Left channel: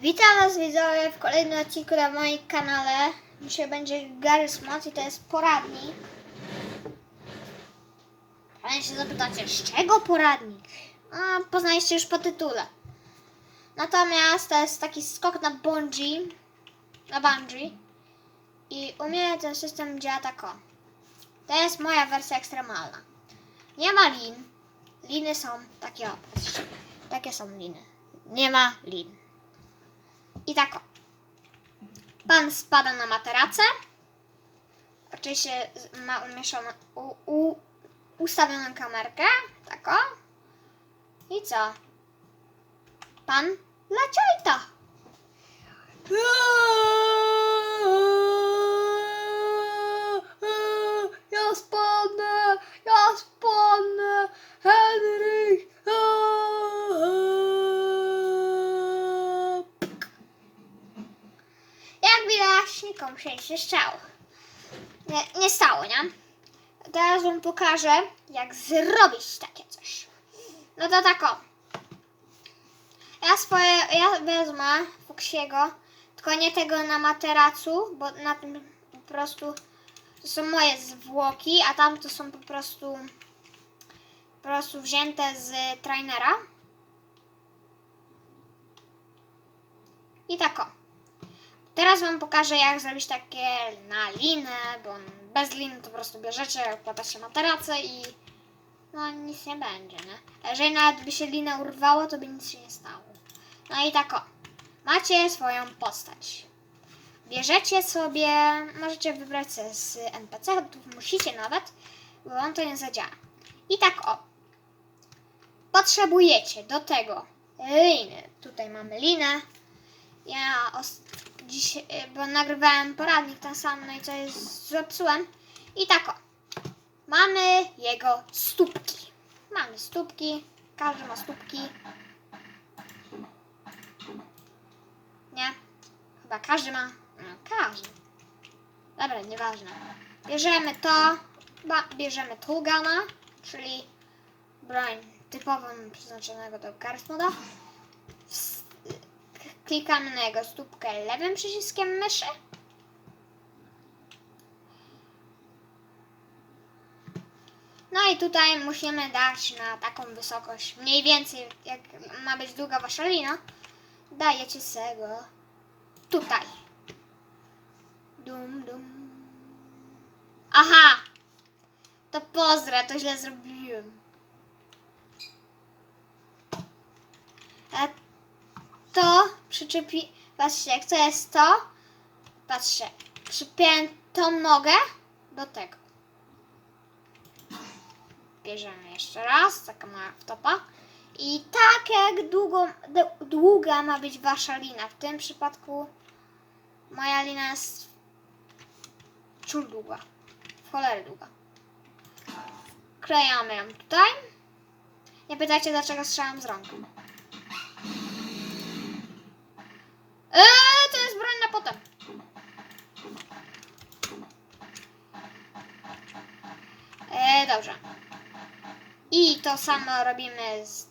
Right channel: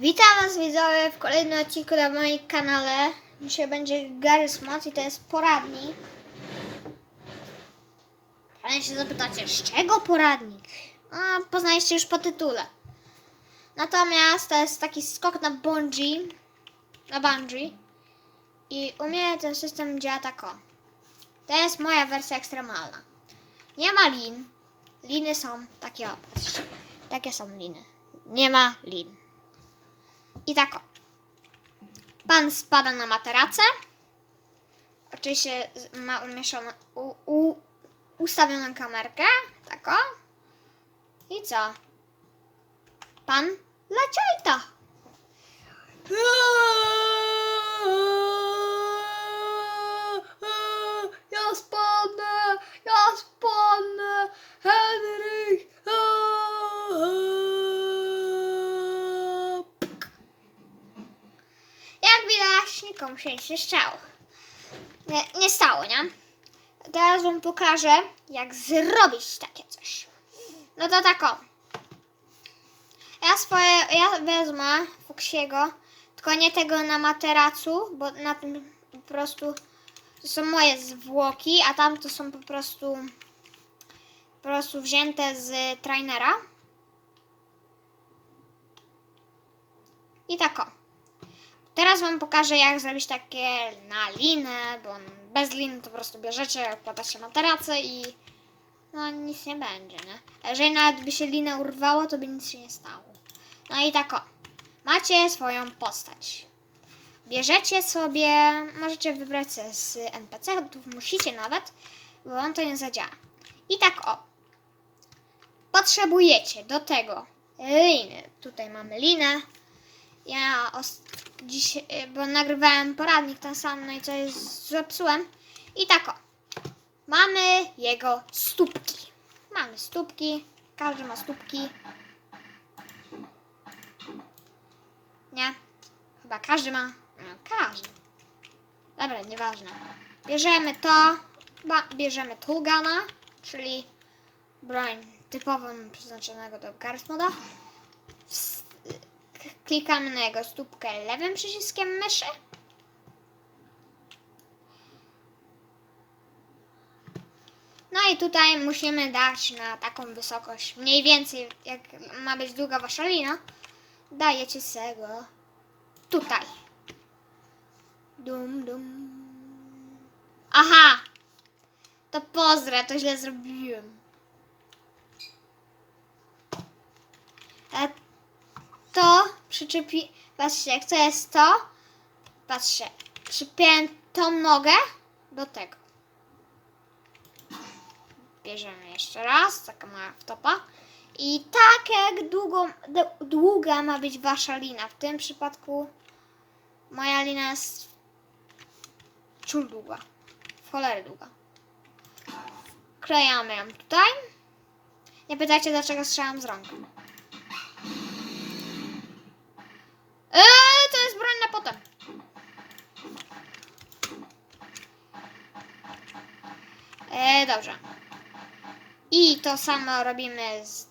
Witam Was widzowie w kolejnym odcinku na moim kanale. Dzisiaj będzie Gary Smart i to jest poradnik. Ale się zapytacie, z czego poradnik? A, poznaliście już po tytule. Natomiast to jest taki skok na bungee, na bungee. I u mnie ten system działa tak o. To jest moja wersja ekstremalna. Nie ma lin. Liny są takie. Takie są liny. Nie ma lin. I tak o. Pan spada na materacę. Oczywiście ma umieszczoną, u, u, ustawioną kamerkę. Tak o. I co? Pan leciajta. Ja spadnę, ja spadnę, Henryk. Jak widać, nikomu się nic nie stało. Nie, nie stało, nie? Teraz wam pokażę, jak zrobić takie coś. No to tak o. Ja swoje, ja wezmę Fuksiego, tylko nie tego na materacu, bo na tym po prostu to są moje zwłoki, a tam to są po prostu po prostu wzięte z trainera. I tak o. Teraz wam pokażę jak zrobić takie na linę, bo bez liny to po prostu bierzecie, wkłada się materacę i no nic nie będzie, nie? Jeżeli nawet by się lina urwało, to by nic się nie stało. No i tak o. Macie swoją postać. Bierzecie sobie, możecie wybrać sobie z NPC, musicie nawet, bo wam to nie zadziała. I tak o. Potrzebujecie do tego liny. Tutaj mamy linę. Ja dziś, y, bo nagrywałem poradnik ten sam, no i coś zepsułem. I tak o. Mamy jego stópki. Mamy stópki. Każdy ma stópki. Nie? Chyba każdy ma. No, każdy. Dobra, nieważne. Bierzemy to. Bierzemy Tulgana, czyli broń typową przeznaczonego do Garth moda. S- k- Klikamy na jego stópkę lewym przyciskiem myszy. No i tutaj musimy dać na taką wysokość, mniej więcej jak ma być długa wasza lina, dajecie sobie tutaj. Dum, dum. Aha! To pozdra, to źle zrobiłem. A to przyczepi... Patrzcie, jak to jest to, patrzcie, przypiąłem tą nogę do tego. Bierzemy jeszcze raz, taka mała wtopa. I tak jak długo, długa ma być wasza lina. W tym przypadku moja lina jest ciul długa. W długa. Klejamy ją tutaj. Nie pytajcie dlaczego strzelam z rąk. Eee, to jest broń na potem. Eee, dobrze. I to samo robimy z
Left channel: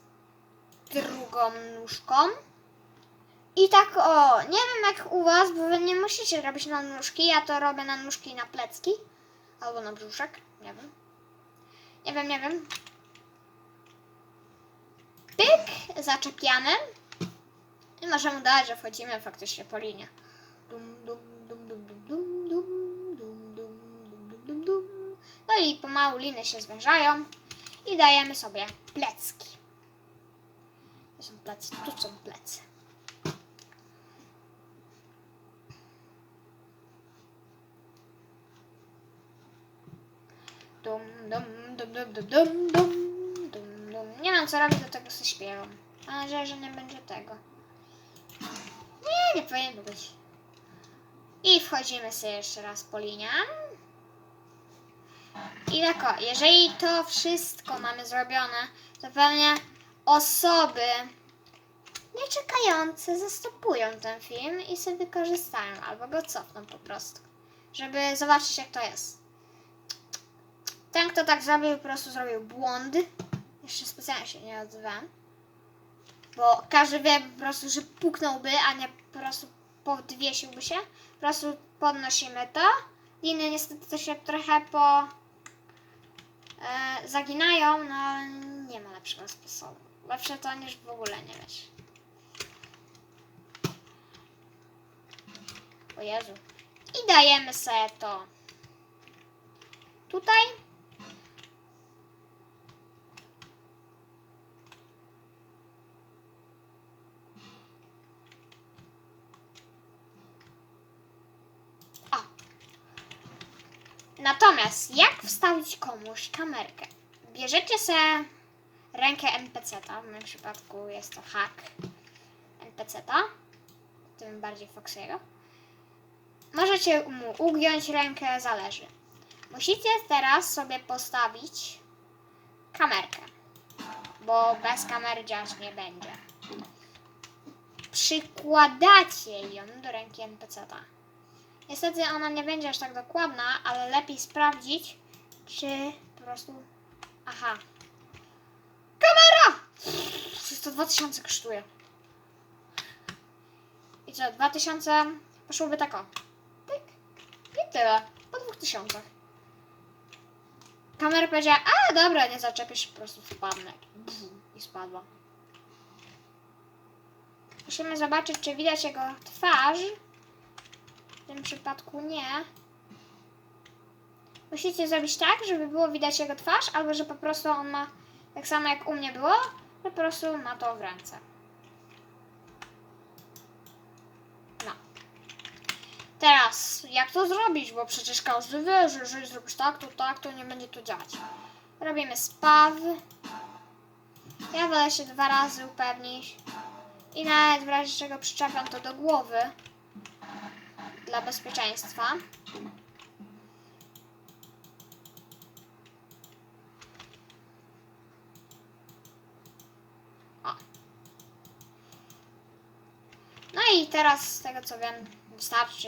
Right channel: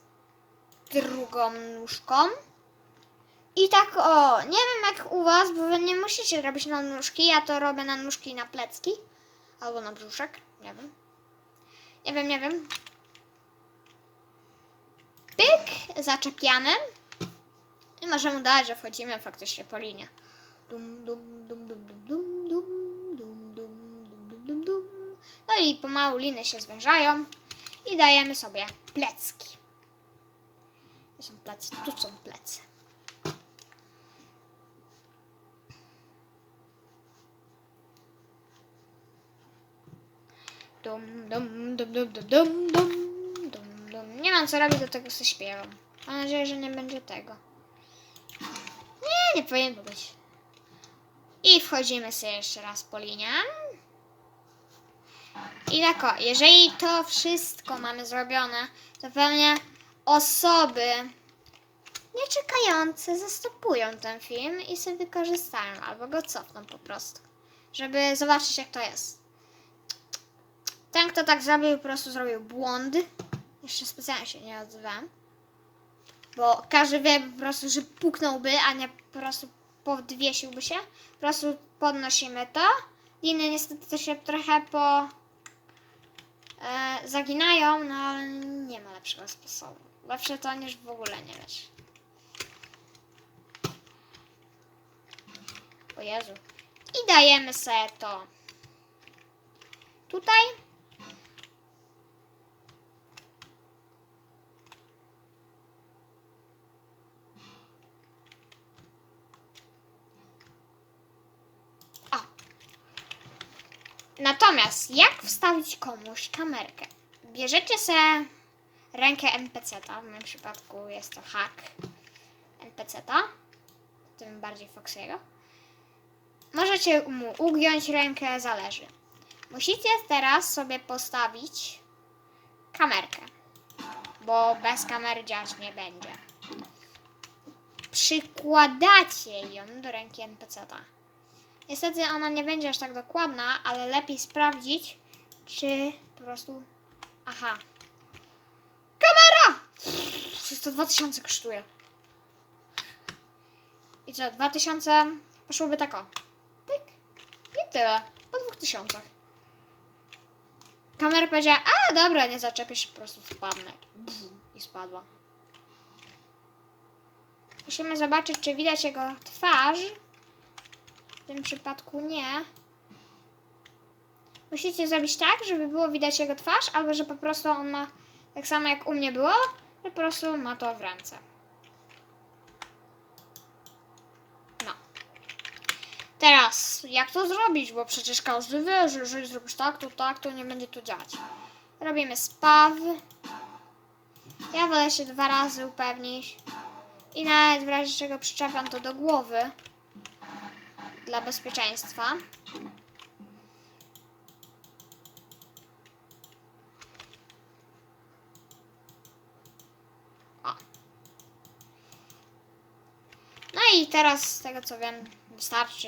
drugą nóżką. I tak o, nie wiem jak u was, bo wy nie musicie robić na nóżki, ja to robię na nóżki i na plecki. Albo na brzuszek, nie wiem. Nie wiem, nie wiem. Pyk, zaczepiamy. I możemy udać, że wchodzimy faktycznie po linie. No i pomału liny się zwężają i dajemy sobie plecki. Gdzie są plecy? Tu są plecy. Dum, dum, dum, dum, dum, dum, dum, dum, dum. Nie mam co robić, do tego sobie śpiewam. Mam nadzieję, że nie będzie tego. Nie, powinien być. I wchodzimy sobie jeszcze raz po linie. I tak jeżeli to wszystko mamy zrobione, to pewnie osoby nieczekające zastopują ten film i sobie wykorzystają, albo go cofną po prostu, żeby zobaczyć jak to jest. Ten, kto tak zrobił, po prostu zrobił błąd. Jeszcze specjalnie się nie odzywałem. Bo każdy wie po prostu, że puknąłby, a nie po prostu podwiesiłby się. Po prostu podnosimy to. Liny niestety się trochę po e, zaginają, no ale nie ma lepszego sposobu. Lepsze to niż w ogóle nie mieć. O Jezu. I dajemy sobie to tutaj. Natomiast jak wstawić komuś kamerkę? Bierzecie sobie rękę NPC-ta, w moim przypadku jest to hack NPC-ta, tym bardziej Foxiego. Możecie mu ugiąć rękę, zależy. Musicie teraz sobie postawić kamerkę, bo bez kamery działać nie będzie. Przykładacie ją do ręki NPC-ta. Niestety ona nie będzie aż tak dokładna, ale lepiej sprawdzić, czy po prostu... Aha. Kamera! Przecież to 2000 kosztuje. I co, 2000 poszłoby tak o. Pyk. I tyle. Po 2000. Kamera powiedziała, a dobra, nie zaczepię się, po prostu spadnę. I spadła. Musimy zobaczyć, czy widać jego twarz. W tym przypadku nie. Musicie zrobić tak, żeby było widać jego twarz, albo że po prostu on ma, tak samo jak u mnie było, po prostu ma to w ręce. No. Teraz, jak to zrobić? Bo przecież każdy wie, że jeżeli zrobisz tak, to tak, to nie będzie to działać. Robimy spaw. Ja wolę się dwa razy upewnić. I nawet w razie czego przyczepiam to do głowy. Dla bezpieczeństwa. O. No i teraz z tego co wiem wystarczy.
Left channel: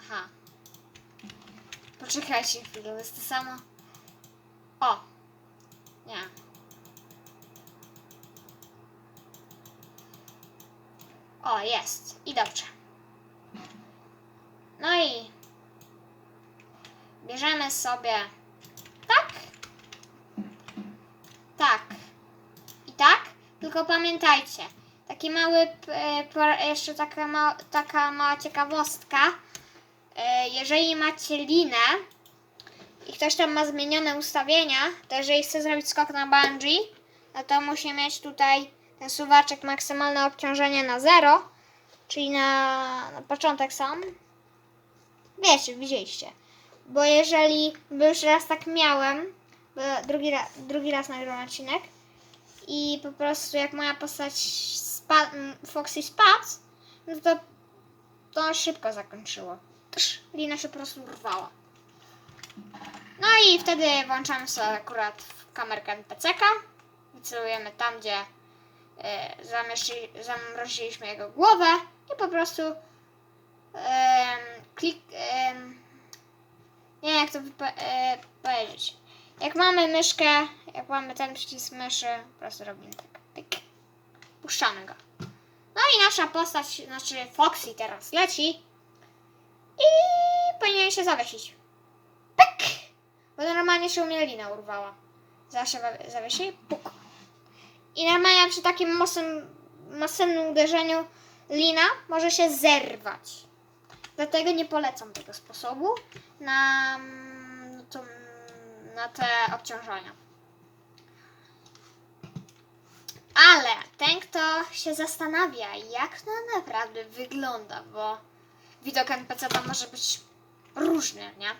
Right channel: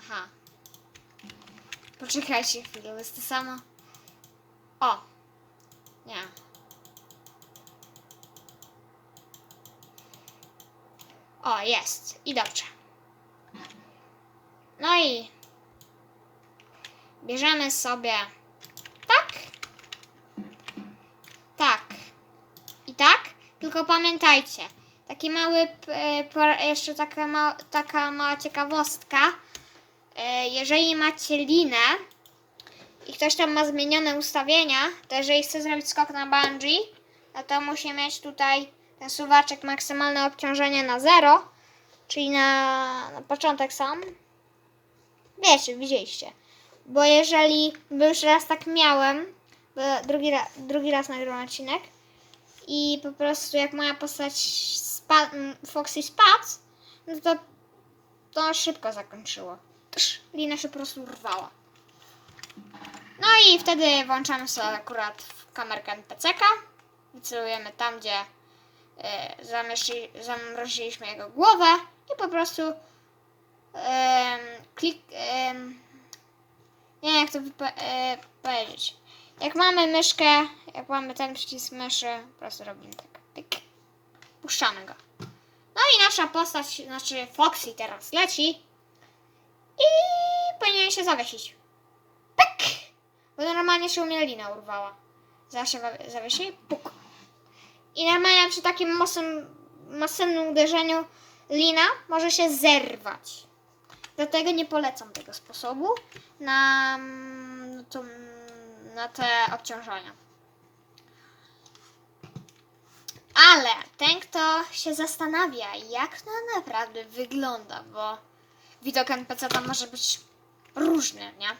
Aha. Poczekajcie chwilę, jest to samo. O. Nie. O, jest. I dobrze. No i bierzemy sobie tak, tak i tak. Tylko pamiętajcie, taki mały, jeszcze taka, ma, taka mała ciekawostka. E, Jeżeli macie linę i ktoś tam ma zmienione ustawienia, to jeżeli chce zrobić skok na bungee, no to musi mieć tutaj ten suwaczek maksymalne obciążenie na zero, czyli na, na początek sam. Wiecie, widzieliście. Bo jeżeli, bo już raz tak miałem, drugi, drugi raz nagrywam odcinek i po prostu jak moja postać spa, m, Foxy spadł, no to to szybko zakończyło. Tsz, lina się po prostu urwała. No i wtedy włączamy sobie akurat kamerkę NPC-ka. Wycelujemy tam, gdzie e, zamroziliśmy jego głowę i po prostu klik... nie wiem jak to wypo- e, powiedzieć. Jak mamy myszkę, jak mamy ten przycisk myszy, po prostu robimy tak. Puszczamy go. No i nasza postać, znaczy Foxy teraz leci i powinien się zawiesić. Pyk! Bo normalnie się u mnie lina urwała. Zawsze wa- zawiesi, puk. I normalnie przy takim mocnym, masywnym uderzeniu lina może się zerwać. Dlatego nie polecam tego sposobu na, mm, to, na te obciążenia. Ale ten, kto się zastanawia, jak to naprawdę wygląda, bo widok NPC tam może być różny, nie?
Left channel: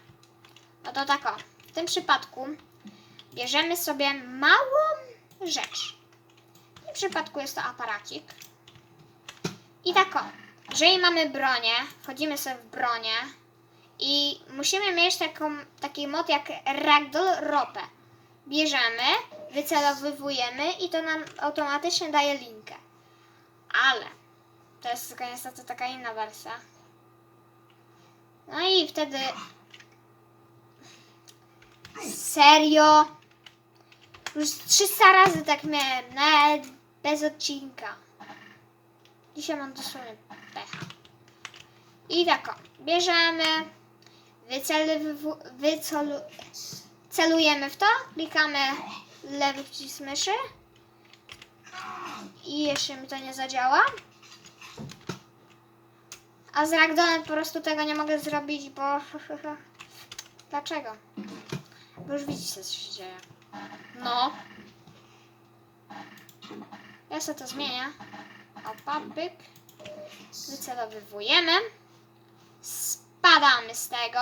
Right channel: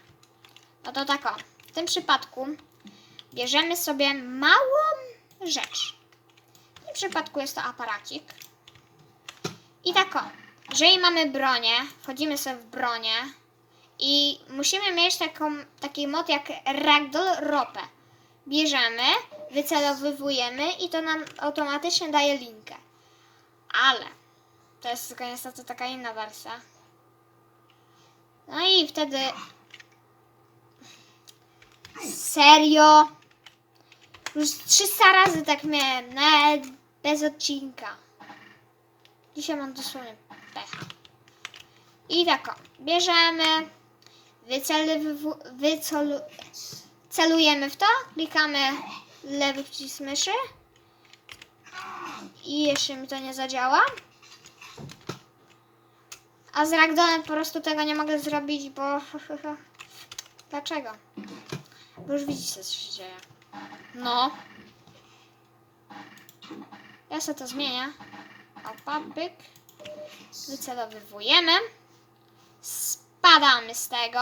No to tak o. W tym przypadku bierzemy sobie małą rzecz. Przypadku jest to aparacik. I tak o. Jeżeli mamy bronię, wchodzimy sobie w bronię i musimy mieć taką, taki mod jak Ragdoll Ropę. Bierzemy, wycelowywujemy i to nam automatycznie daje linkę. Ale to jest tylko niestety taka inna wersja. No i wtedy Serio? Już 300 razy tak miałem, nawet bez odcinka. Dzisiaj mam dosłownie pecha. I tak, bierzemy, wycelu, wycelu, celujemy w to, klikamy lewy przycisk myszy i jeszcze mi to nie zadziała. A z Ragdonem po prostu tego nie mogę zrobić, bo... Dlaczego? Bo już widzicie, co się dzieje. No. Ja sobie to zmienię. Opa, pyk. Wycelowywujemy. Spadamy z tego.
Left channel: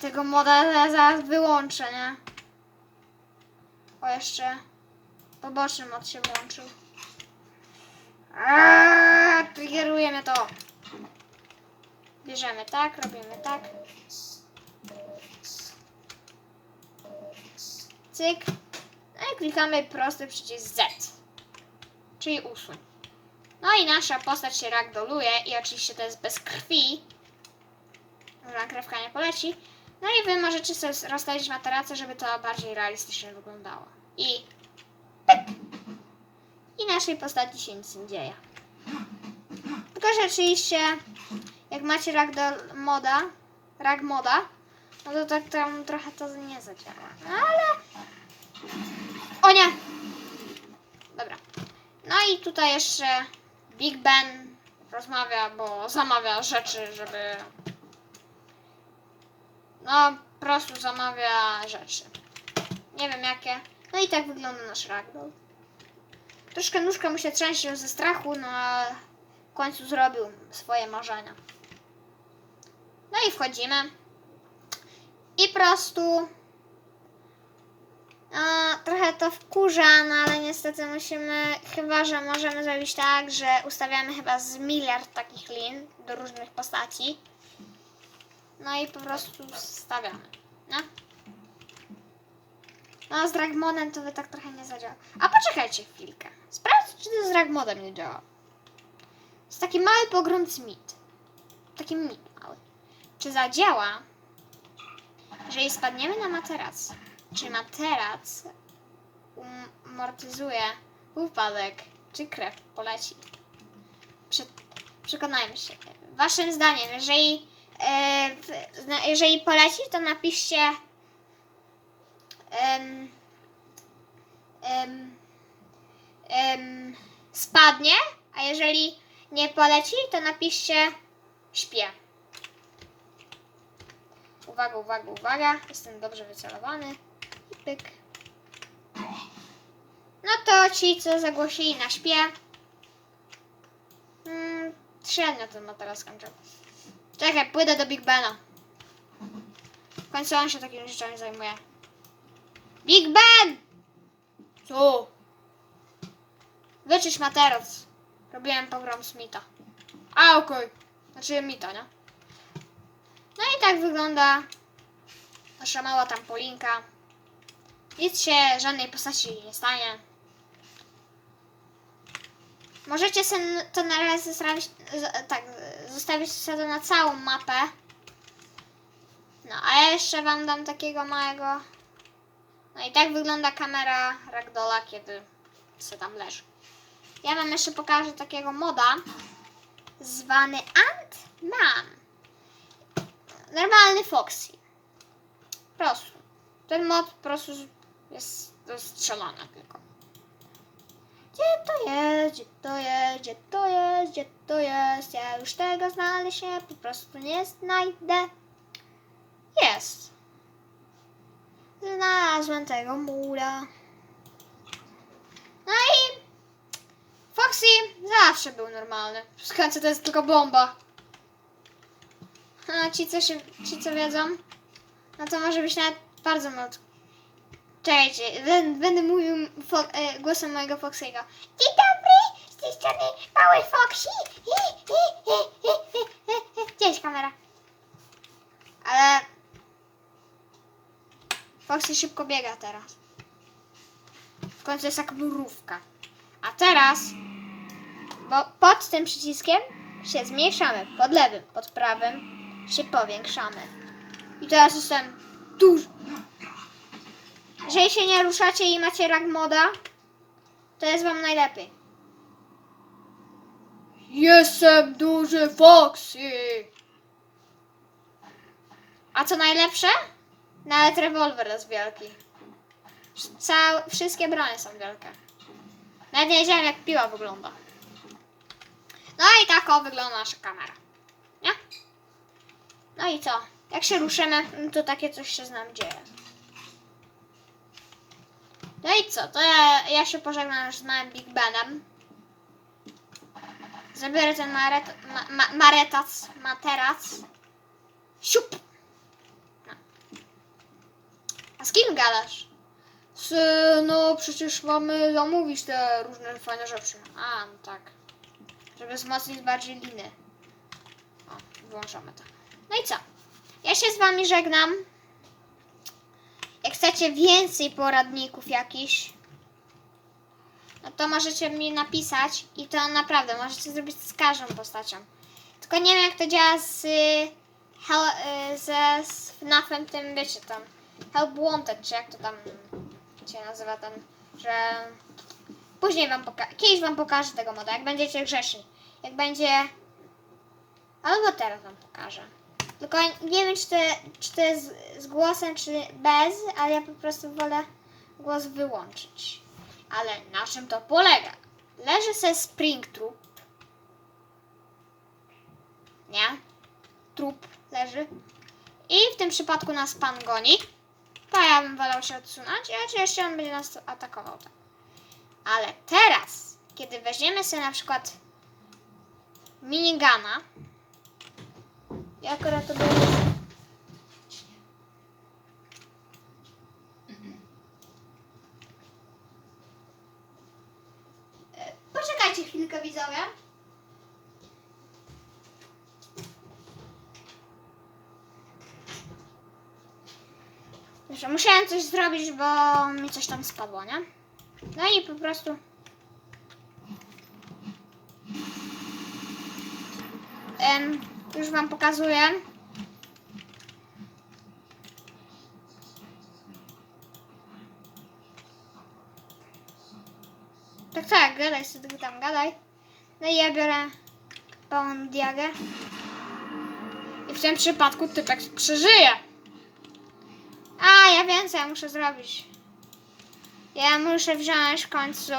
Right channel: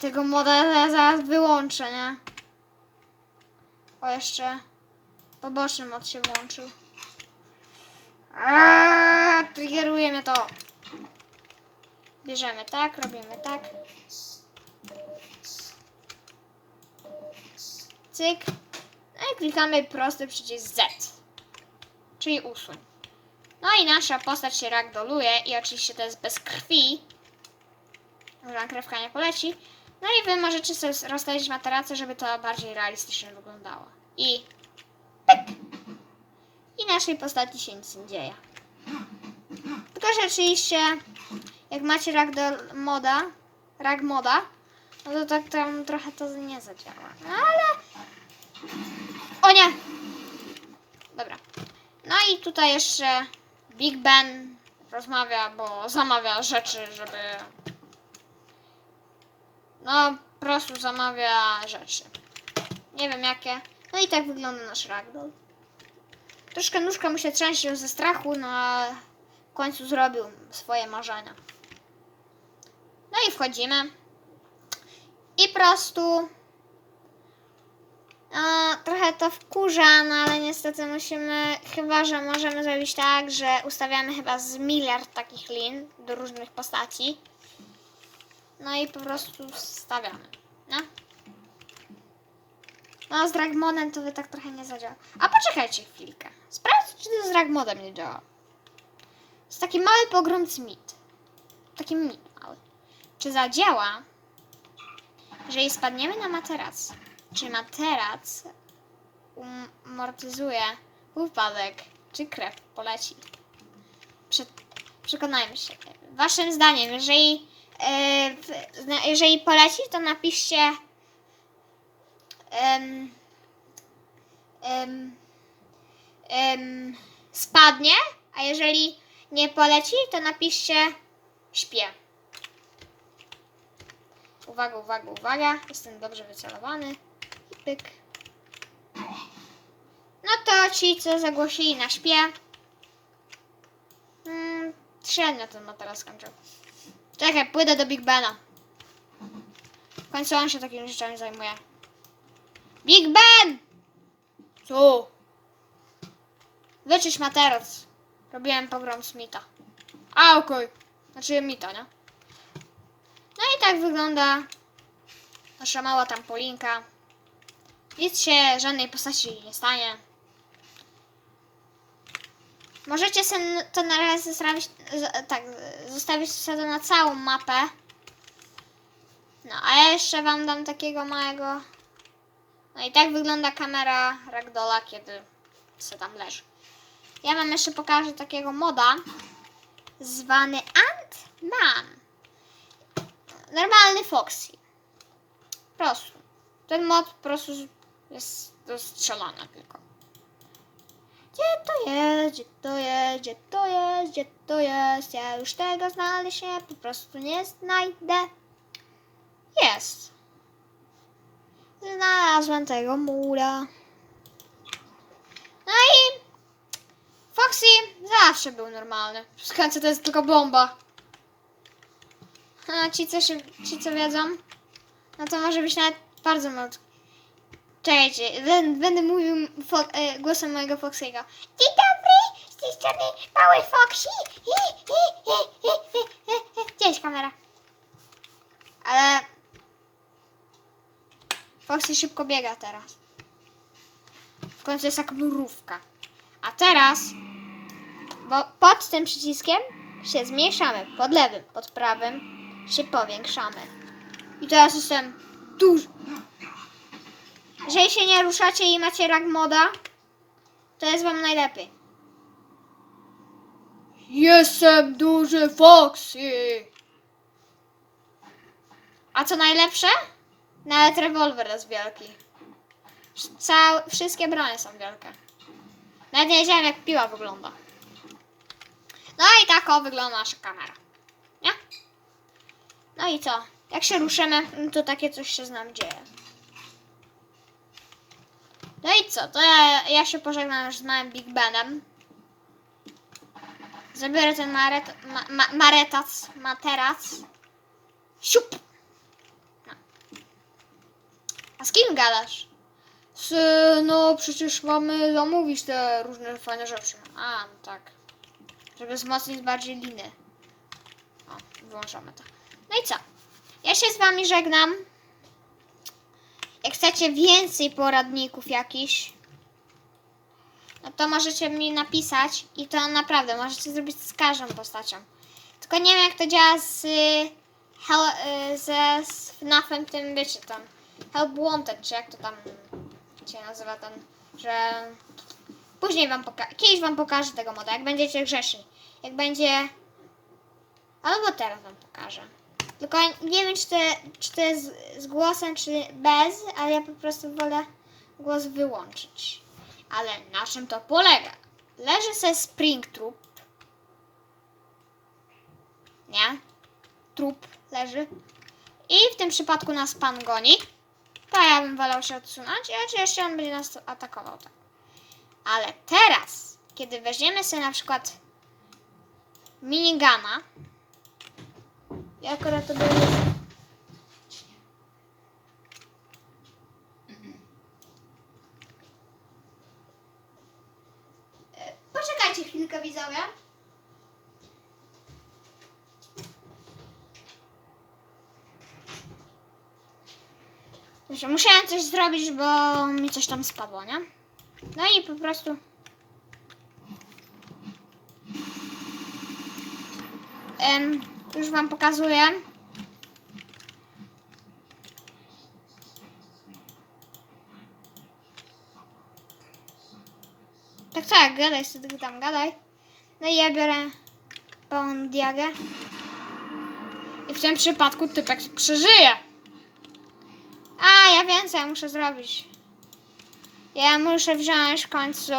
Tego moda zaraz wyłączę, nie? O, jeszcze poboczny mod się włączył. Eee, Triggerujemy to. Bierzemy tak, robimy tak. Cyk. No i klikamy prosty przycisk Z. Czyli usuń. No i nasza postać się ragdoluje i oczywiście to jest bez krwi. Nagrywka nie poleci. No i wy możecie sobie rozstawić materacę, żeby to bardziej realistycznie wyglądało. I pyk. I naszej postaci się nic nie dzieje. Tylko, że oczywiście jak macie ragdoll moda, rag moda, no to tak tam trochę to nie zadziała. No ale... O nie! Dobra. No i tutaj jeszcze Big Ben rozmawia, bo zamawia rzeczy, żeby... No, po prostu zamawia rzeczy. Nie wiem jakie. No i tak wygląda nasz ragdoll. Troszkę nóżka mu się trzęsie ze strachu, no ale w końcu zrobił swoje marzenia. No i wchodzimy. I po prostu trochę to wkurza, no ale niestety musimy, chyba że możemy zrobić tak, że ustawiamy chyba z miliard takich lin do różnych postaci. No i po prostu stawiamy. No. No z Dragmonem to by tak trochę nie zadziała. A poczekajcie chwilkę. Sprawdźcie, czy to z Dragmonem nie działa. jest taki mały pogromcy mit. Taki mit mały. Czy zadziała, jeżeli spadniemy na materac? Czy materac um- amortyzuje upadek, czy krew poleci? Prze- przekonajmy się. Waszym zdaniem, jeżeli, e, jeżeli poleci, to napiszcie spadnie, a jeżeli nie poleci, to napiszcie śpię. Uwaga, uwaga, uwaga. Jestem dobrze wycelowany. Pyk. No to ci, co zagłosili na śpię. Mm, średnio ten ma teraz skończył. Czekaj, pójdę do Big Bena. W końcu on się takimi rzeczami zajmuje. Big Ben! Tu. Wyczyść materac. Robiłem program Smitha. A, okej. Znaczy Mita, nie? No i tak wygląda nasza mała trampolinka. Nic się żadnej postaci nie stanie. Możecie sobie to na razie tak, zostawić sobie na całą mapę. No, a jeszcze wam dam takiego małego... No i tak wygląda kamera Ragdola, kiedy se tam leży. Ja wam jeszcze pokażę takiego moda zwany Ant-Man. Normalny Foxy. Po prostu. Ten mod po prostu jest rozstrzelany tylko. Gdzie to jest? Gdzie to jest? Gdzie to jest? Gdzie to jest? Ja już tego znaleźć po prostu nie znajdę. Jest. Znalazłem tego mura. No i Foxy zawsze był normalny. Końcu to jest tylko bomba. A ci co, się, ci, co wiedzą, no to może być nawet bardzo Czekajcie, będę, mówił e, głosem mojego Foxiego. Dzień dobry, z tej strony mały Foxy. Gdzie jest kamera? Ale Foxy szybko biega teraz. W końcu jest jak mrówka. A teraz, bo pod tym przyciskiem się zmniejszamy. Pod lewym, pod prawym się powiększamy. I teraz jestem duży. Jeżeli się nie ruszacie i macie rag moda, to jest wam najlepiej. Jestem duży Foxy. A co najlepsze? Nawet rewolwer jest wielki. Cał, wszystkie bronie są wielkie. Nawet nie wiedziałem jak piła wygląda. No i tak o wygląda nasza kamera. Nie? No i co? Jak się ruszymy, no to takie coś się z nami dzieje. No i co? To ja, ja się pożegnam już z małym Big Benem. Zabiorę ten maret, ma, ma, maretac, materac. Siup! No. A z kim gadasz? No przecież mamy zamówić te różne fajne rzeczy. A, no tak. Żeby wzmocnić bardziej liny. O, włączamy to. No i co? Ja się z wami żegnam. Jak chcecie więcej poradników jakichś, no to możecie mi napisać i to naprawdę możecie zrobić z każdą postacią. Tylko nie wiem jak to działa z, ze z FNAF-em tym, wiecie tam, Help Wanted, czy jak to tam się nazywa ten, że później wam pokażę, kiedyś wam pokażę tego moda, jak będziecie grzeszni. Jak będzie, albo teraz wam pokażę. Tylko nie wiem, czy to, czy to jest z głosem, czy bez, ale ja po prostu wolę głos wyłączyć. Ale na czym to polega? Leży se Spring Troop. Nie? Trup leży. I w tym przypadku nas pan goni. To ja bym wolał się odsunąć, a oczywiście on będzie nas atakował. Tak. Ale teraz, kiedy weźmiemy sobie na przykład minigana, ja akurat to było... E, Poczekajcie chwilkę, widzowie. Dobrze, musiałem coś zrobić, bo mi coś tam spadło, nie? No i po prostu... Em, już wam pokazuję. Tak, tak, gadaj sobie tylko tam, gadaj. No i ja biorę pełną diagę. I w tym przypadku typek przeżyje. A, ja ja muszę zrobić. Ja muszę wziąć w końcu...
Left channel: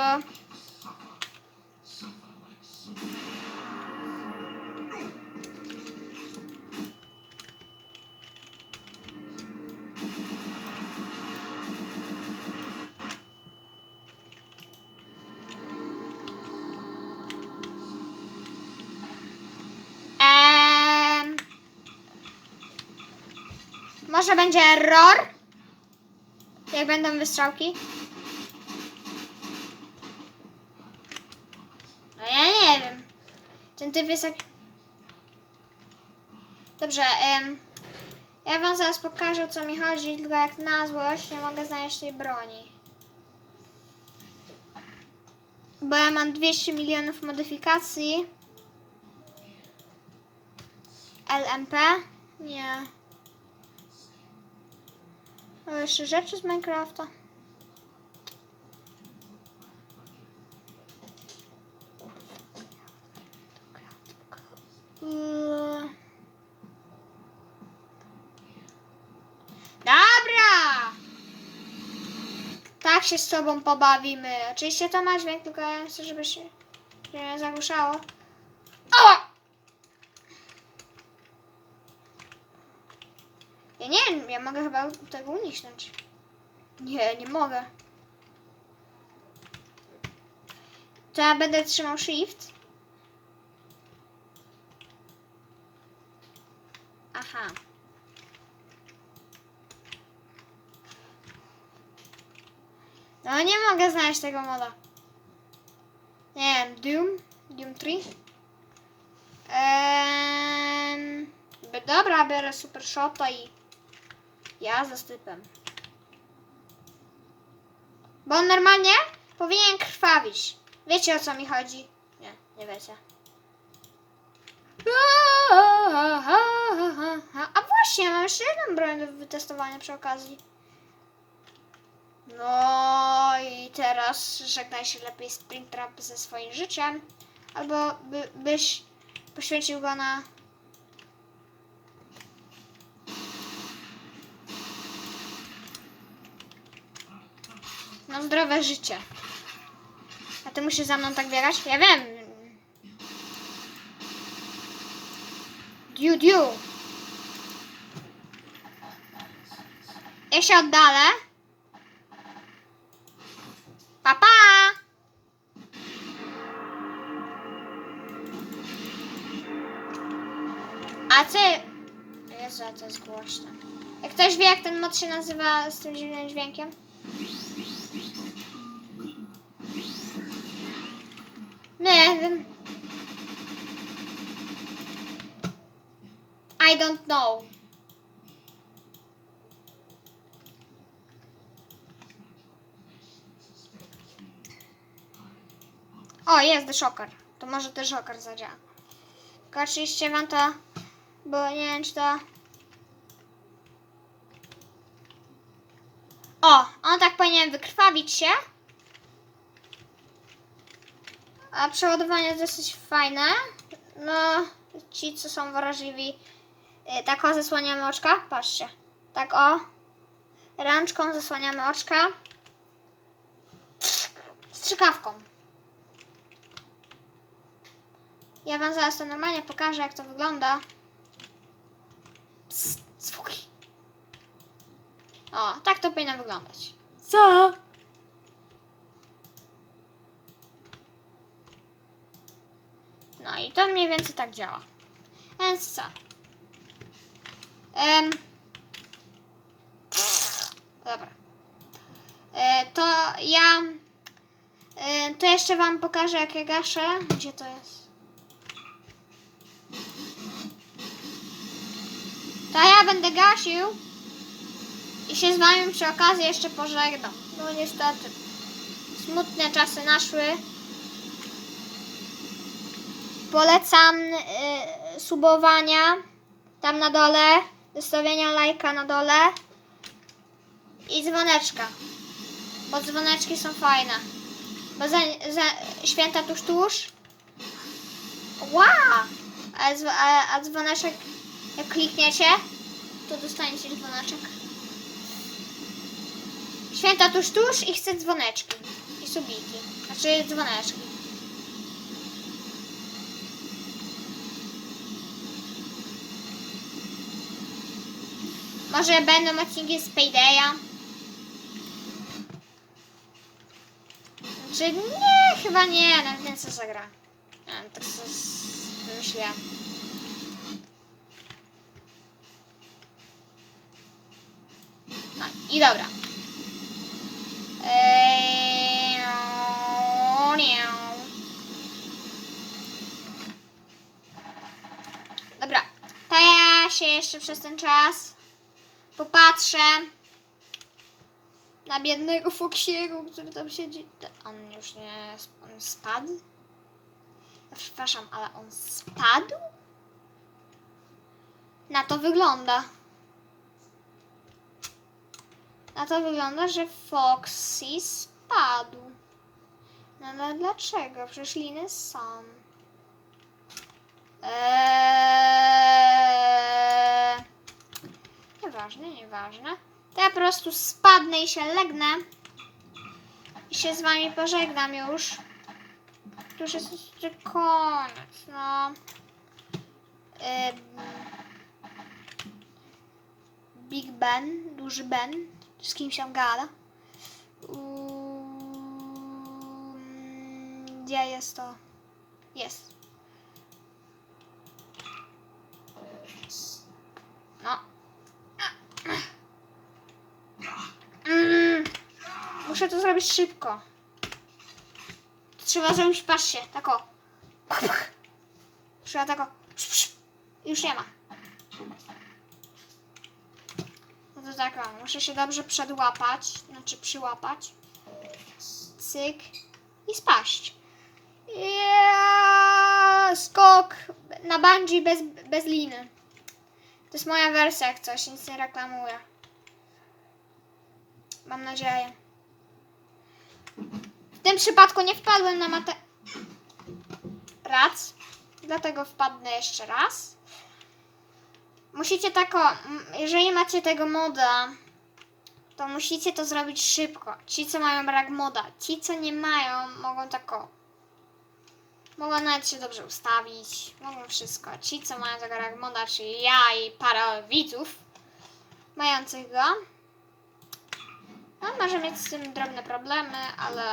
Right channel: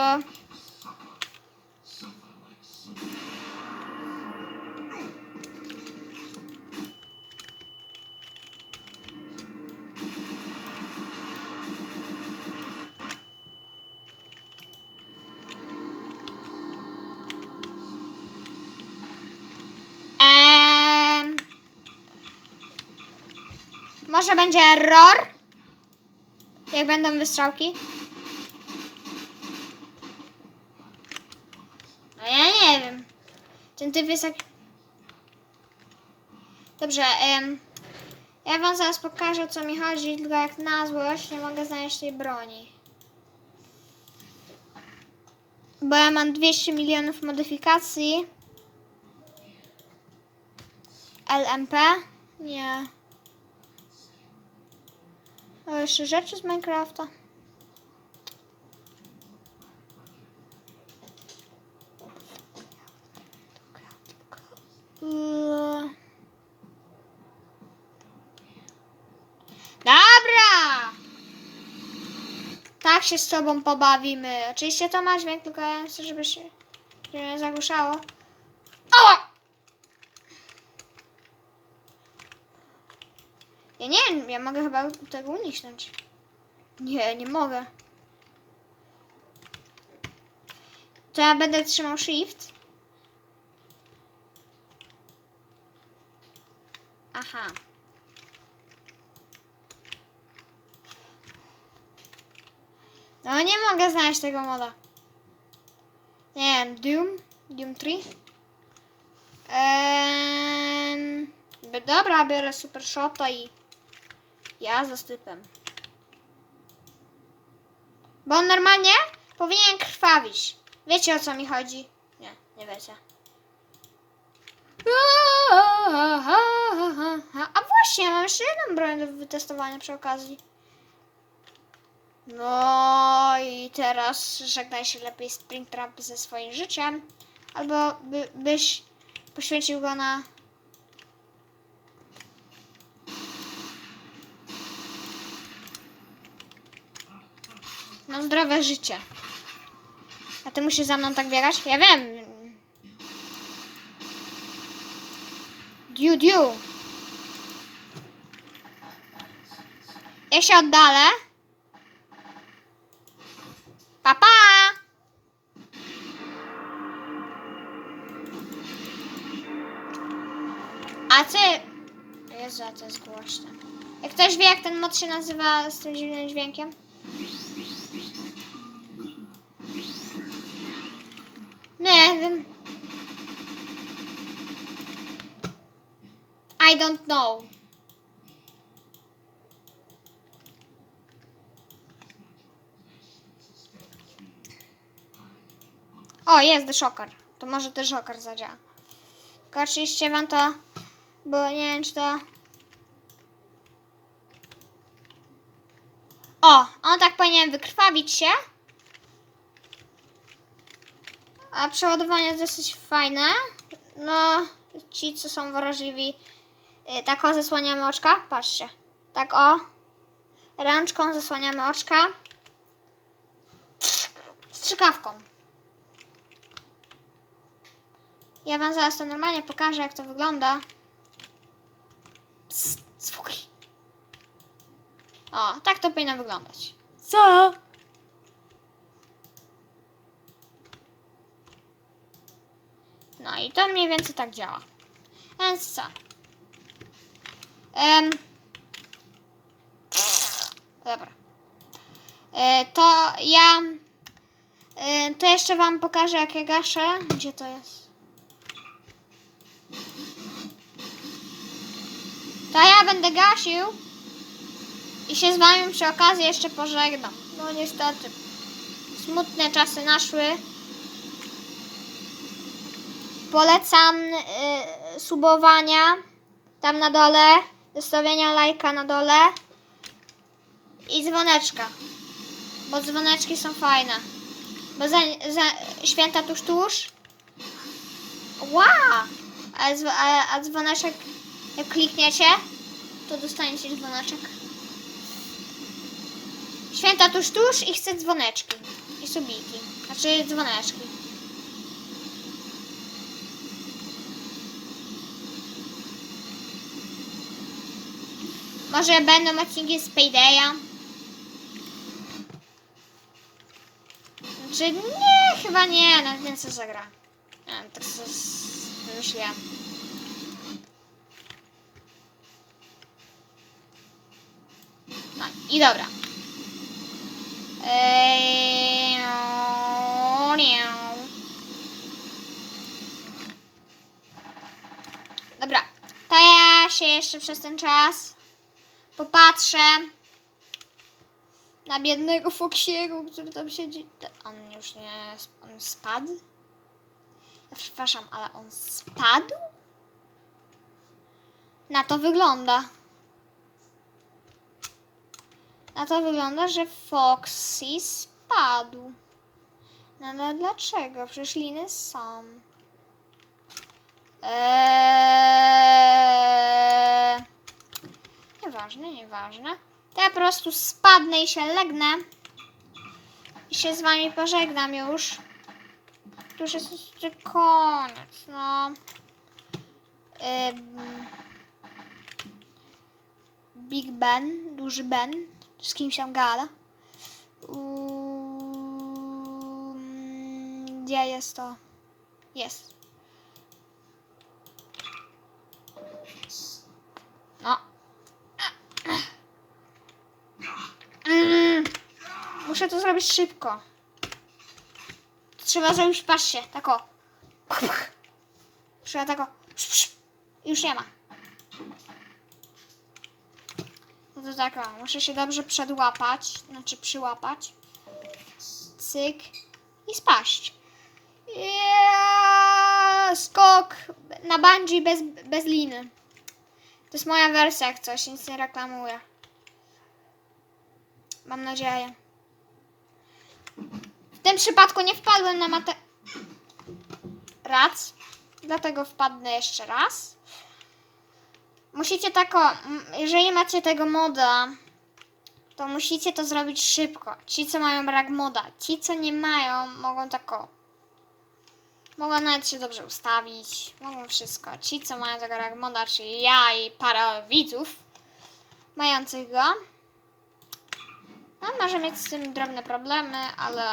może będzie error? Jak będą wystrzałki? No ja nie wiem. Ten typ jest jak... Dobrze, em, ja wam zaraz pokażę o co mi chodzi, tylko jak na złość nie mogę znaleźć tej broni. Bo ja mam 200 milionów modyfikacji. LMP? Nie. O, jeszcze rzeczy z Minecrafta. Yy. Dobra! Tak się z tobą pobawimy. Oczywiście to ma dźwięk, tylko ja chcę, żeby się nie zagłuszało. O! Ja nie wiem, ja mogę chyba tego uniknąć. Nie, nie mogę. To ja będę trzymał shift. Aha. No nie mogę znaleźć tego moda. Nie wiem, Doom? Doom 3? Ehm, dobra, biorę super shota i ja za stypem. Bo on normalnie powinien krwawić. Wiecie o co mi chodzi? Nie, nie wiecie. A właśnie, mam jeszcze jedną broń do wytestowania przy okazji. No i teraz żegnaj się lepiej Springtrap ze swoim życiem. Albo by, byś poświęcił go na... Na zdrowe życie. A ty musisz za mną tak biegać? Ja wiem. Diu, diu. Ja się oddalę. Pa, pa! A ty... Jezu, to jest głośne. Jak ktoś wie, jak ten mod się nazywa z tym dziwnym dźwiękiem? Nie wiem. I don't know. O, jest The Shocker. To może The Shocker zadziała. Tylko oczywiście wam to, bo nie wiem czy to... O, on tak powinien wykrwawić się. A przeładowanie jest dosyć fajne. No, ci co są wrażliwi, tak o zasłaniamy oczka. Patrzcie. Tak o. Rączką zasłaniamy oczka. Strzykawką. Ja wam zaraz to normalnie pokażę, jak to wygląda. Psst, spokój. O, tak to powinno wyglądać. Co? No i to mniej więcej tak działa. Więc co? Em, dobra. E, to ja. E, to jeszcze Wam pokażę, jak ja gaszę. Gdzie to jest? To ja będę gasił. I się z Wami przy okazji jeszcze pożegnam. No niestety. Smutne czasy naszły. Polecam y, subowania tam na dole, zostawienia lajka na dole i dzwoneczka, bo dzwoneczki są fajne. Bo za, za święta tuż tuż. Wow! A, a, a dzwoneczek, jak klikniecie, to dostaniecie dzwoneczek. Święta tuż tuż i chcę dzwoneczki. I subiki. Znaczy dzwoneczki. Może będą odcinki z Paydaya? Czy nie, chyba nie, na tym co zagra. Nie wiem, tak sobie. No i dobra. Eee, miau. Dobra, to ja się jeszcze przez ten czas popatrzę na biednego Foxiego, który tam siedzi. On już nie. On spadł? Przepraszam, ale on spadł? Na to wygląda. Na to wygląda, że Foxy spadł. No ale dlaczego? Przecież liny są. Eee... Nieważne, nieważne. To ja po prostu spadnę i się legnę. I się z wami pożegnam już. To już jest koniec, no. Big Ben, duży Ben, z kim się gada. Gdzie jest to? Jest. No. Mm. Muszę to zrobić szybko. Trzeba zrobić, patrzcie, tak o. Trzeba tak o. Już nie ma. No to tak o, muszę się dobrze przedłapać, znaczy przyłapać. Cyk i spaść. Ja, skok na bungee bez, bez liny. To jest moja wersja, jak coś, nic nie reklamuję. Mam nadzieję. W tym przypadku nie wpadłem na matę... Rac. Dlatego wpadnę jeszcze raz. Musicie tako... Jeżeli macie tego moda, to musicie to zrobić szybko. Ci, co mają brak moda. Ci, co nie mają, mogą tako... Mogą nawet się dobrze ustawić. Mogą wszystko. Ci, co mają tego brak moda, czyli ja i parę widzów mających go. No, może mieć z tym drobne problemy, ale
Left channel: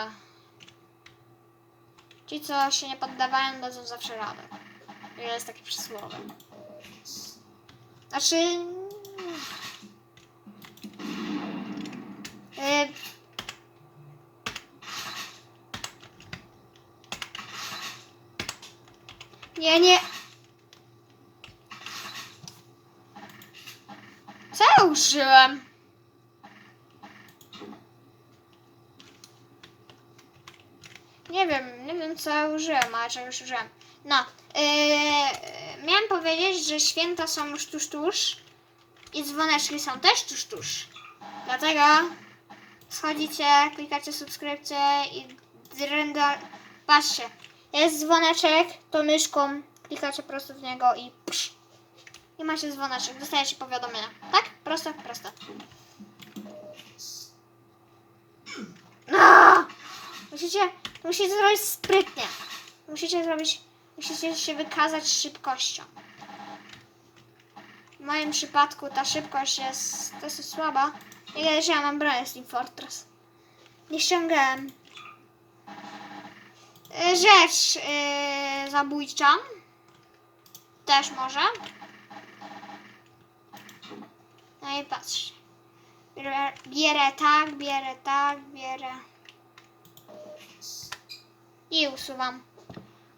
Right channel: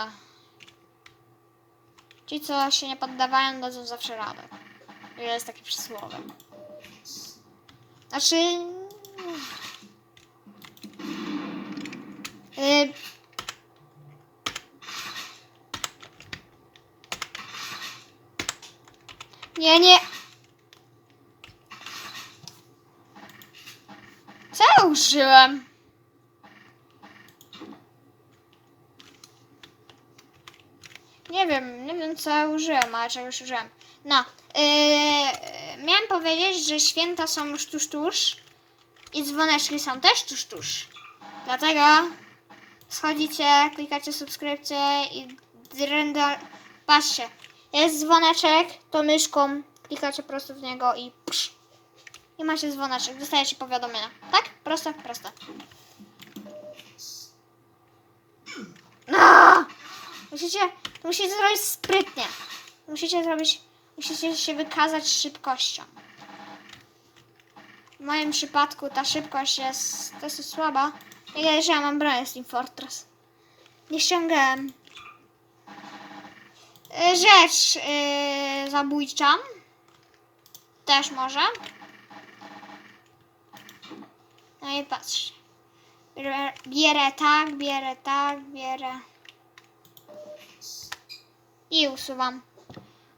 ci, co się nie poddawają, dadzą zawsze radę. Jest takie przysłowie. Znaczy... Yy... Nie, nie. Co ja użyłem? Nie wiem, nie wiem co ja użyłem, ale czegoś użyłem. No, yy, miałem powiedzieć, że święta są już tuż, tuż i dzwoneczki są też tuż, tuż. Dlatego schodzicie, klikacie subskrypcję i drendor... Patrzcie, jest dzwoneczek, to myszką klikacie po prostu w niego i psz, i macie dzwoneczek, dostajecie powiadomienia. Tak? Proste, proste. No! Musicie, musicie zrobić sprytnie. Musicie zrobić, musicie się wykazać szybkością. W moim przypadku ta szybkość jest dosyć słaba. Ile że ja mam broń z Team Fortress. Nie ściągałem. E, Rzecz yy, zabójcza. Też może. No i patrz. Bierę tak, bierę tak, bierę. I usuwam.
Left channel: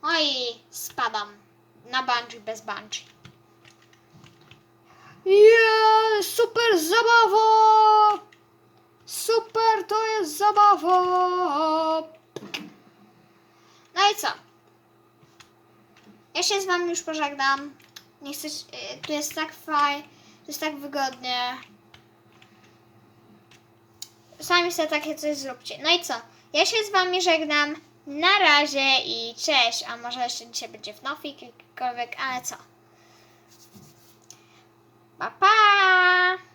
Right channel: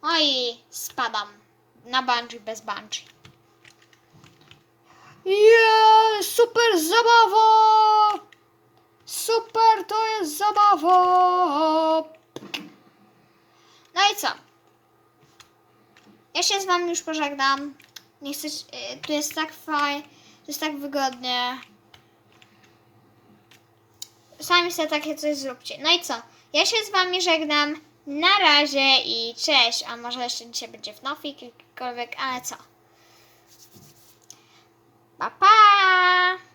No i spadam na bungee bez bungee. Yeah, super zabawa! Super to jest zabawa! No i co? Ja się z wami już pożegnam. Nie chcę, y, tu jest tak fajnie, tu jest tak wygodnie. Sami sobie takie coś zróbcie. No i co? Ja się z wami żegnam. Na razie i cześć. A może jeszcze dzisiaj będzie w nofik jakikolwiek, ale co? Pa pa!